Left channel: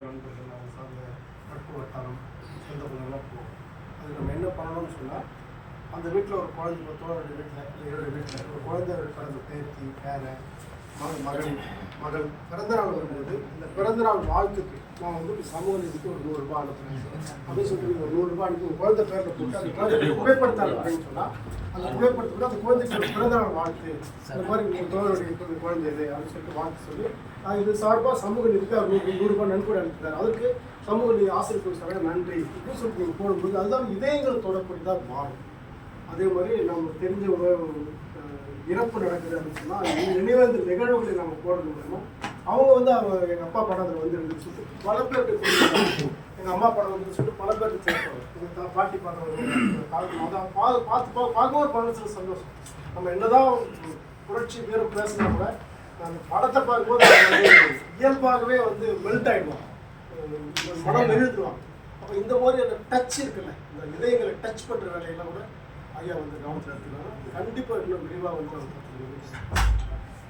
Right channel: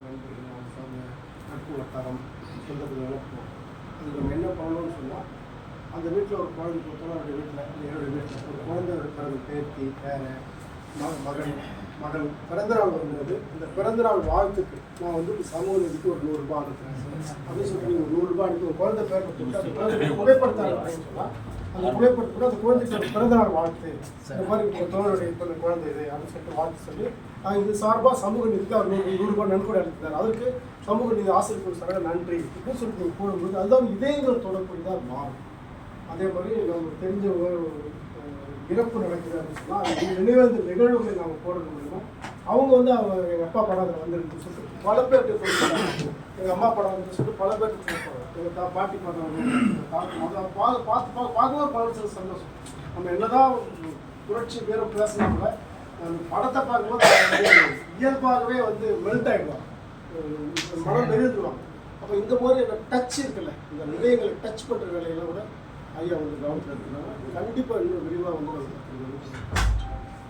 நண்பர்கள் அவங்க சார்ந்த நட்பு வட்டாரம் சொந்த பந்தங்களாம் போகும். அதுக்கு நம்ம என்ன பண்ணணும்னு சொன்னால் அந்த வீட்டில் ஒரு குழந்தை இப்போ தோழருடைய வீட்டில் இல்லை என்னுடைய வீட்டில் ஒரு குழந்தை பிறந்த பேத்தி பேரை மகன் மகள் பிறந்த நாள் வரும்போது அந்த பிறந்த நாள் வாழ்த்துக்கு நான் வந்து சமூக நீதிக்கு ஒரு நூறுரூபா அனுப்புறேன். அப்படின்னு நீங்கள் ஒரு நூறுரூபா அனுப்பி உங்கள் குழந்தை பேரில் போட்டு அந்த குழந்தை புகைப்படுத்தாங்க அப்படின்னு சொன்னால் அந்த புகைப்படத்துக்கு அந்த குழந்தைக்கு ஒரு பிறந்த நாள் வாழ்த்து. இந்த மாதிரி உங்கள் தோழருடைய இப்போ குழந்தை இது அப்படின்னு சொல்லிட்டு வாழ்த்து சொல்லி அது இது சார்பாக சமூக நீதிக்கு அவர் நூறு நூறுரூபா நன்கொடை அனுப்புகிறார் அதுக்கு சமூக நீதி ஆசிரியர் சொல்ல நன்றி. இப்படின்னு சொல்லிட்டு நீங்கள் கூறும்போது அதுதான் இதயங்கள் தொடர்புடையதாக மாறும். அதே மாதிரி நமக்கு தெரிஞ்ச ஒரு இறப்பு நடக்குது அப்படின்னு சொன்னால் அது நிகழ்வுகளை நம்ம போடுறது மூலமா அவங்க வந்து அவங்க எங்கள் அப்பா படம் அதில் வந்துருக்குன்னு சொல்லிட்டு பல பேருக்கு எங்கள் அம்மா படம் வந்து சொல்லிட்டு பல பேருக்கு தேவைப்படும் எங்கள் தா பாட்டி படம் வந்து அதை பா பார்த்து பா பார்க்கும்போது பல சந்தோஷம். நம்ம என்னதான் புரட்சி பேரும் பேசினா கூட அந்த படத்தை பார்க்கும்போது வந்து இயல்பாகவே வந்து மெல்ட் ஆகிடுவாங்க மனம் எழுந்துருவாங்க அப்போ இந்த மாதிரி அந்த டச் இருக்குல்ல இந்த இதயங்களை டச் பண்ணுற வேலையெல்லாம் கூட ஐயா வந்து கவனத்தில் எடுத்துக்கலாம் கண்டிப்பாக இன்னும் விரிவாக வந்து நம்ம கற்றுக்கணும்